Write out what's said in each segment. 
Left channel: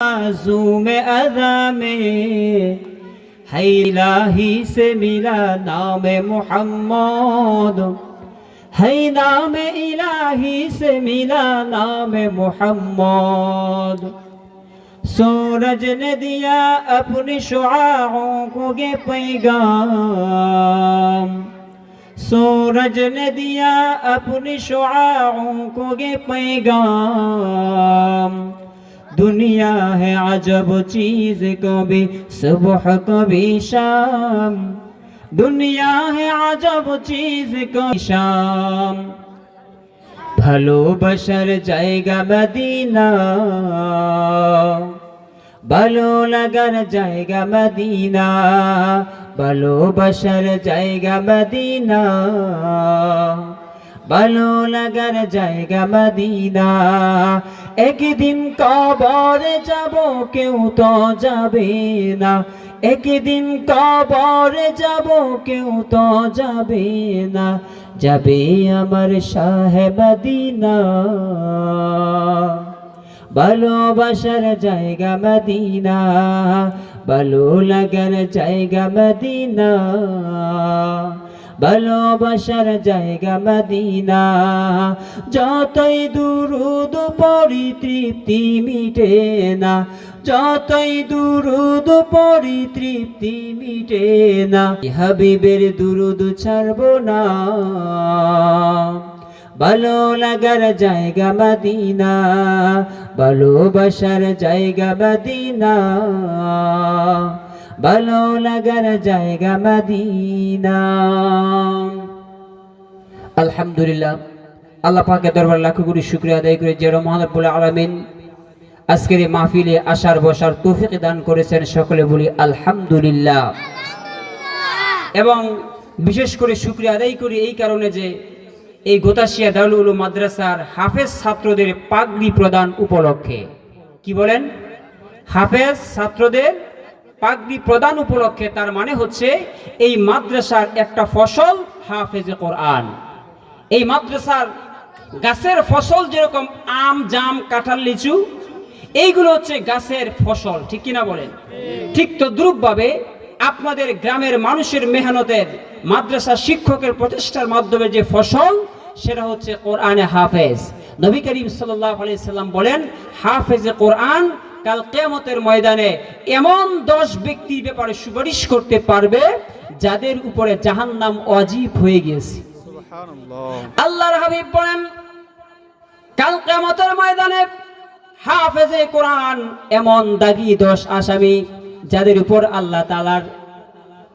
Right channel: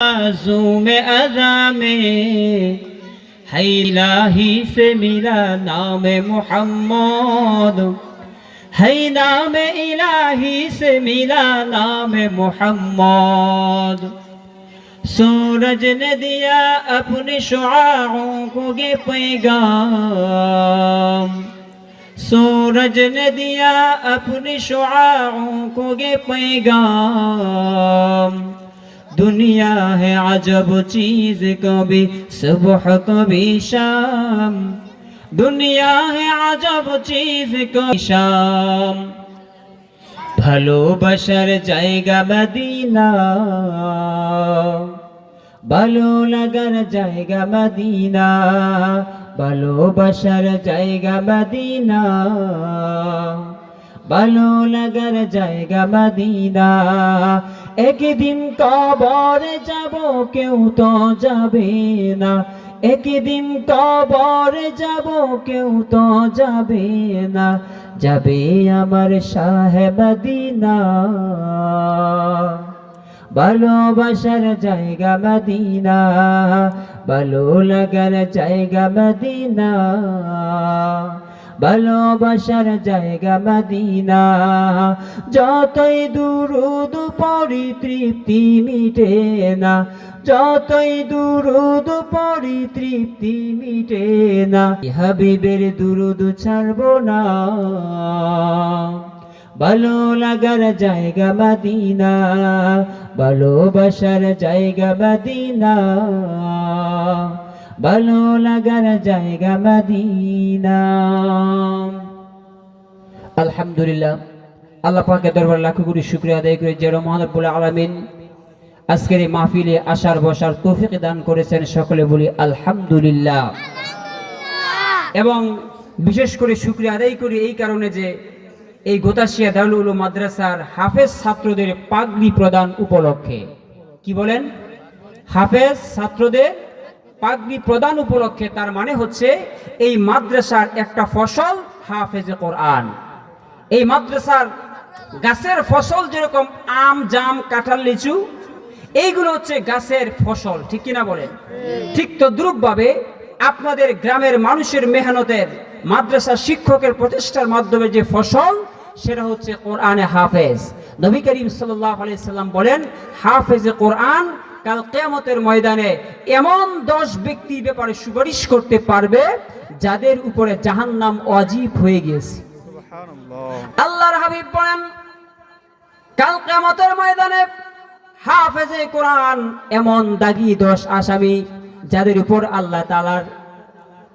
मासूम अदा में है इलाही से मिला नाम मोहम्मद है नाम इलाही से मिला नाम मोहम्मद सूरज ने दिया अपने शुआओं को ये पैगाम सूरज ने दिया अपने शुआओं को ये पैगाम दुनिया है अजब चीज कभी सुबह कभी शाम दुनिया है अजब चीज कभी शाम ভালোবাসার জায়গা মদিনা ভালো লাগার জায়গা মদিনা ভালোবাসার জায়গা মদিনা ভালো লাগার জায়গা মদিনা। একদিন কবর যাব, কেউ তো যাবে না। একদিন কবর যাব, কেউ তো যাবে না। যাবে আমার সাহেবদিনা ভালোবাসার জায়গা মদিনা। ভালো লাগার জায়গা মদিনা। ভালোবাসার জায়গা মদিনা। যতই দুরুদ পরি তৃপ্তি মিটে না, যতই দুরুদ পরি তৃপ্তি মিটে না হাবিবের দুরুদ ছাড়ব না। ভালো লাগার জায়গা মদিনা, ভালোবাসার জায়গা মদিনা। ভালো লাগার জায়গা মদিনা। আলহামদুলিল্লাহ আল্লাহ পাকের দরবার লাখো কোটি শুক্রিয়া আদায় করে যে মহানবুল আলমিন আজকের এই মাহফিলে আসার বসার তৌফিক দান করেছেন সকলে বলি আলহামদুলিল্লাহ। এবং বিশেষ করে শুক্রিয়া আদায় করি এই কারণে যে এই গোতাশিয়া দারুল উলুম মাদ্রাসার হাফেজ ছাত্রদের পাগড়ি প্রদান উপলক্ষে। কি বলেন? হাফেজ ছাত্রদের পাগড়ি প্রদান উপলক্ষে তার মানে হচ্ছে এই মাদ্রাসার একটা ফসল হাফেজে কোরআন। এই মাদ্রাসার গাছের ফসল যেরকম আম জাম কাঁঠাল লিচু এইগুলো হচ্ছে গাছের ফসল ঠিক কিনা বলেন ঠিক তদ্রুপভাবে আপনাদের গ্রামের মানুষের মেহনতের মাদ্রাসা শিক্ষকের প্রচেষ্টার মাধ্যমে যে ফসল সেটা হচ্ছে কোরআনে হাফেজ। নবী করিম সাল্লাহ আলাইসাল্লাম বলেন হাফেজে কোরআন কাল কেয়ামতের ময়দানে এমন দশ ব্যক্তির ব্যাপারে সুপারিশ করতে পারবে যাদের উপরে জাহান্নাম অজীব হয়ে গিয়েছে। আল্লাহর হাবিব বলেন কাল কেয়ামতের ময়দানে হাফেজে কোরআন এমন দাগি দশ আসামি যাদের উপর আল্লাহ তালার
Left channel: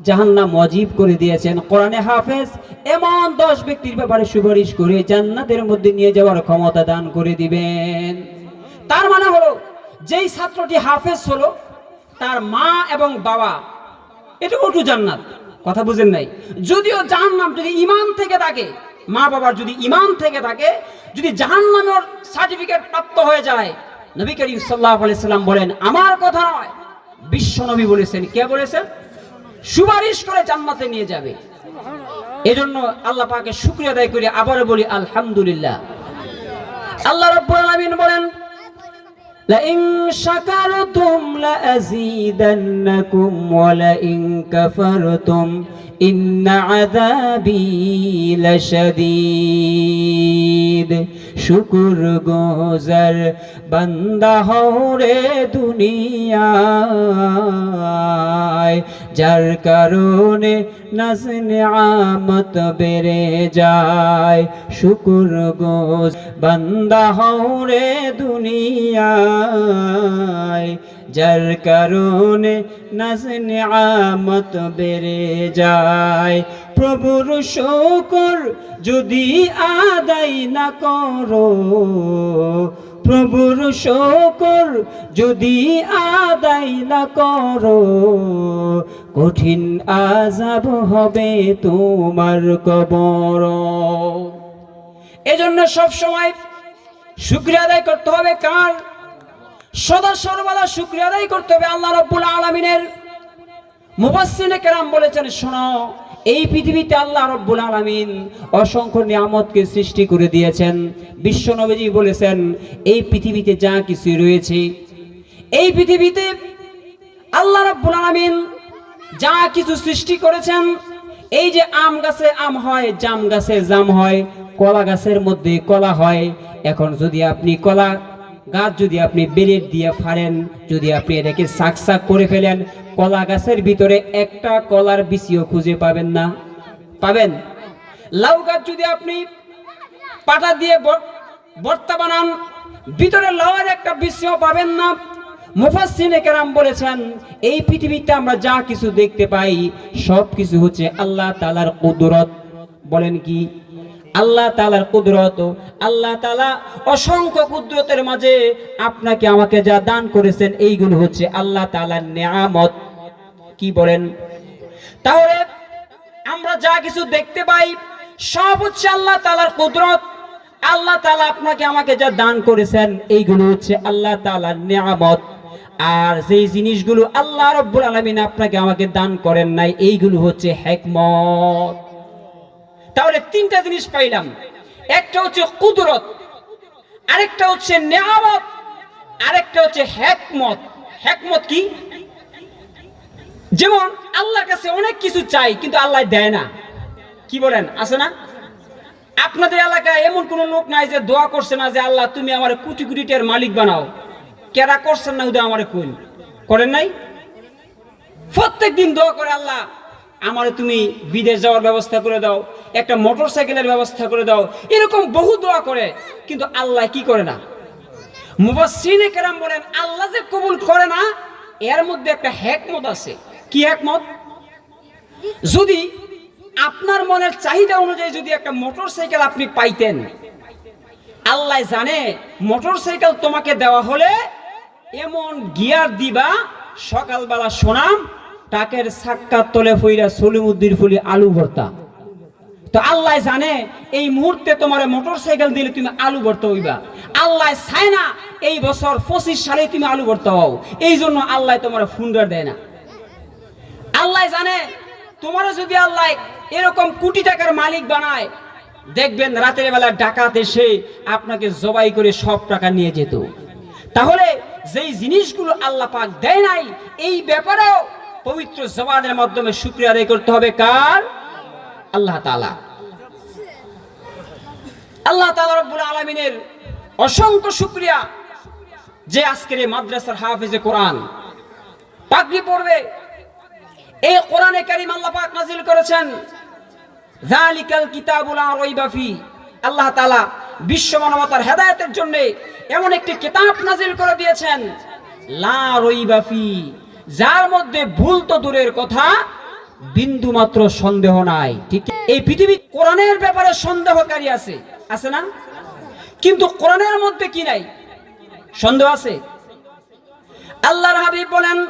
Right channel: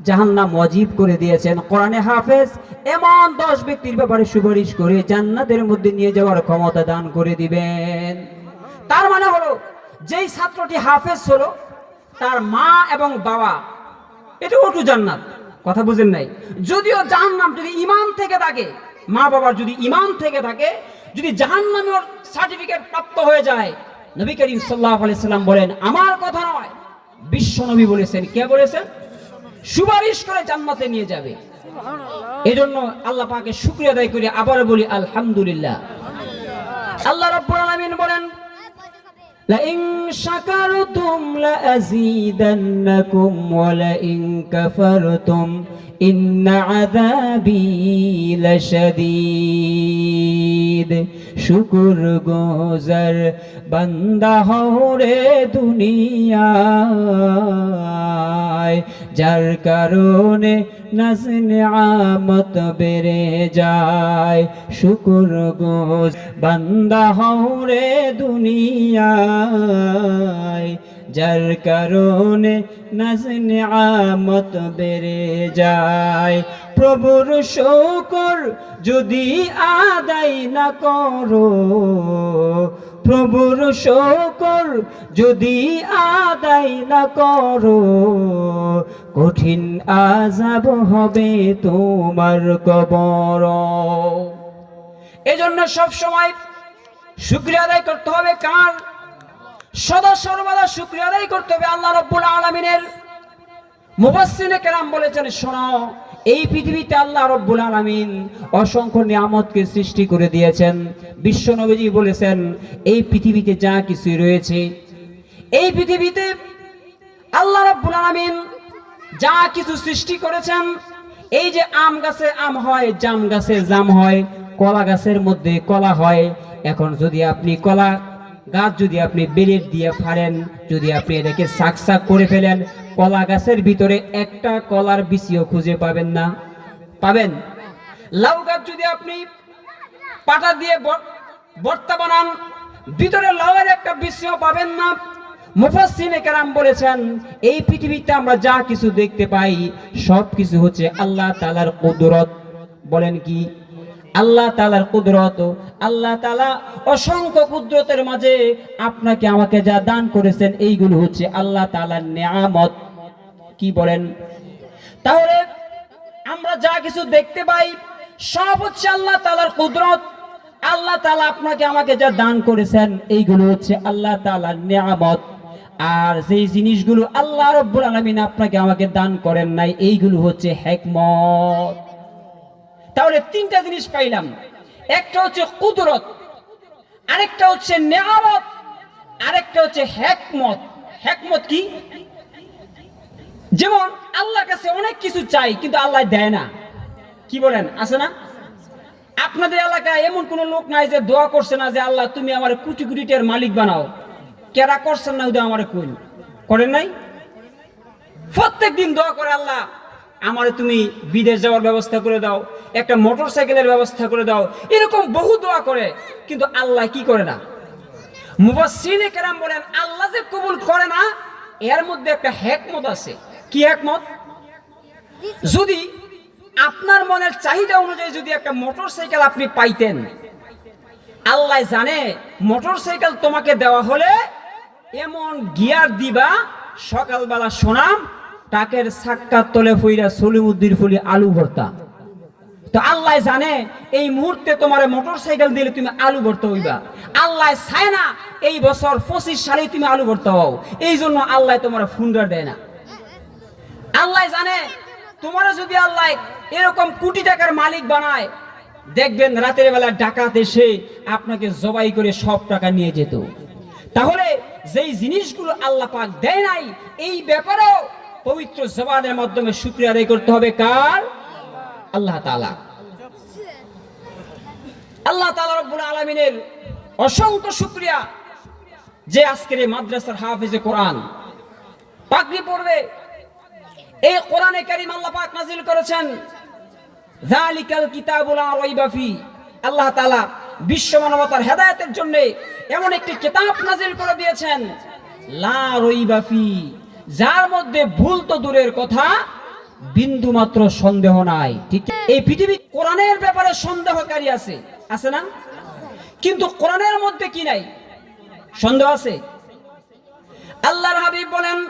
জাহান্নাম ওয়াজিব করে দিয়েছেন। কোরআনে হাফেজ এমন দশ ব্যক্তির ব্যাপারে সুপারিশ করে জান্নাতের মধ্যে নিয়ে যাওয়ার ক্ষমতা দান করে দিবেন। তার মানে হলো যেই ছাত্রটি হাফেজ হলো তার মা এবং বাবা এটা ওটু জান্নাত। কথা বুঝেন নাই? যদিও জাহান্নাম যদি ইমান থেকে থাকে মা বাবার যদি ইমান থেকে থাকে যদি জাহান্নামের সার্টিফিকেট প্রাপ্ত হয়ে যায় নবী করিম সাল্লাহ বলেন আমার কথা নয়। বিশ্ব নবী বলেছেন কে বলেছেন? সুপারিশ করে জান্নাতে নিয়ে যাবে। এজন্য আল্লাহ পাকে শুক্রিয়া আদায় করে আবার বলি আলহামদুলিল্লাহ। আল্লাহ রাব্বুল আলামিন বলেন لئن شكرتم لأزيدنكم ولئن كفرتم إن عذابي لشديد. শুকুর গোজার, বান্দা হরে দুনিয়ায়। যার কারণে নাজ নিয়ামত বেড়ে যায়, শুকুর গোজ বান্দা হরে দুনিয়ায়। যার কারণে নাজ নিয়ামত বেড়ে যায় প্রভুর শকর যদি আদায় না করো, প্রভুর শকর যদি আদায় না করো, কঠিন আজাব হবে তোমার কবর। এজন্য সব সময় শুক্রিয়া আদায় করতে হবে, কার? সদা সর্বদা শুক্রিয়া আদায় করতে হবে, আল্লাহ রব্বুল আলমিনের মুবাসসিনে কেরাম বলেছেন, শোনো এই পৃথিবীতে আল্লাহ রব্বুল আলামিন অসংখ্য নিয়ামতকে সৃষ্টি করে দিয়েছেন। বিশ্ব নবীজি বলেছেন, এই পৃথিবীতে যা কিছু রয়েছে, এই পৃথিবীতে আল্লাহ রাব্বুল আলামিন যা কিছু সৃষ্টি করেছেন, এই যে আম গাছে আম হয়, জাম গাছে জাম হয়, কলা গাছের মধ্যে কলা হয়, এখন যদি আপনি কলা গাছ যদি আপনি বেলেট দিয়ে ফাড়েন, যদি আপনি এটাকে শাক শাক করে ফেলেন, কলা গাছের ভিতরে একটা কলার বিচিও খুঁজে পাবেন না। পাবেন? লাউ গাছ যদি আপনি পাটা দিয়ে ব- ভর্তা বানান, ভিতরে লাউয়ের একটা বিচিও পাবেন না। মুফাসসিনে কেরাম বলেছেন, এই পৃথিবীতে আমরা যা কিছু দেখতে পাই সব কিছু হচ্ছে আল্লাহ তাআলার কুদরত। বলেন কি? আল্লাহ তালার কুদরত, আল্লাহ তালা অসংখ্য কুদরতের মাঝে আপনাকে আমাকে যা দান করেছেন, এইগুলো হচ্ছে আল্লাহ তাআলার নেয়ামত। কি বলেন? তাহলে আমরা যা কিছু দেখতে পাই, সব হচ্ছে আল্লাহ তালার কুদরত। আল্লাহ তালা আপনাকে আমাকে যা দান করেছেন, এইগুলো হচ্ছে আল্লাহ তাআলার নিয়ামত। আর যেই জিনিসগুলো আল্লাহ রব্বুল আলামিন আপনাকে আমাকে দান করেন নাই, এইগুলো হচ্ছে হেকমত। তাহলে তিনটা জিনিস পাইলাম। একটা হচ্ছে কুদরত, আরেকটা হচ্ছে নিয়ামত, আরেকটা হচ্ছে হেকমত। হেকমত কি? যেমন আল্লাহর কাছে অনেক কিছু চাই, কিন্তু আল্লাহ দেয় না। কি বলেন, আছে না? আপনাদের এলাকায় এমন কোন লোক নাই যে দোয়া করছে না যে, আল্লাহ, তুমি আমার কোটি কোটি টাকার মালিক বানাও। কেরা করছেন না হুদা আমার কোন করেন নাই? প্রত্যেক দিন দোয়া করে আল্লাহ আমার তুমি বিদেশ যাওয়ার ব্যবস্থা করে দাও, একটা মোটর সাইকেলের ব্যবস্থা করে দাও, এরকম বহু দোয়া করে, কিন্তু আল্লাহ কি করে না? মুফাসসিনে কেরাম বলেন, আল্লাহ যে কবুল করে না, এর মধ্যে একটা হ্যাকমত আছে। কি হ্যাকমত যদি আপনার মনের চাহিদা অনুযায়ী যদি একটা মোটর সাইকেল আপনি পাইতেন, আল্লাহ জানে মোটর সাইকেল তোমাকে দেওয়া হলে এমন গিয়ার দিবা, সকালবেলা সোনাম টাকের সাক্কার তলে ফইরা সলিমুদ্দির ফুলি আলু ভর্তা। তো আল্লাহ জানে এই মুহূর্তে তোমার মোটর সাইকেল দিলে তুমি আলু ভর্তা হইবা। আল্লাহ চায় না এই বছর পঁচিশ সালে তুমি আলু ভর্তা হও। এই জন্য আল্লাহ তোমার ফুন্ডার দেয় না। আল্লাহ জানে তোমার যদি আল্লাহ এরকম কোটি টাকার মালিক বানায়, দেখবেন রাতের বেলা ডাকাত এসে আপনাকে জবাই করে সব টাকা নিয়ে যেত। তাহলে যেই জিনিসগুলো আল্লাহ পাক দেয় নাই, এই ব্যাপারেও পবিত্র জবানের মাধ্যমে শুক্রিয়া আদায় করতে হবে কার? আল্লাহ তাআলা। আল্লাহ তাআলা রব্বুল আলামিনের অসংখ্য শুক্রিয়া যে আজকের এই মাদ্রাসার হাফেজে কোরআন পাগড়ি পড়বে। এই কোরআনে কারিম আল্লাহ পাক নাজিল করেছেন, যালিকাল কিতাবুল লা রাইবা ফি। আল্লাহ তাআলা বিশ্ব মানবতার হেদায়েতের জন্য এমন একটি কিতাব নাজিল করে দিয়েছেন, লা রাইবা ফি। যার মধ্যে ভুল তো দূরের কথা, বিন্দু মাত্র সন্দেহ নাই। ঠিক এই পৃথিবী কোরআনের ব্যাপারে সন্দেহকারী আছে। আছে না? কিন্তু কোরআনের মধ্যে কি নাই? সন্দেহ আছে? আল্লাহর হাবিব বলেন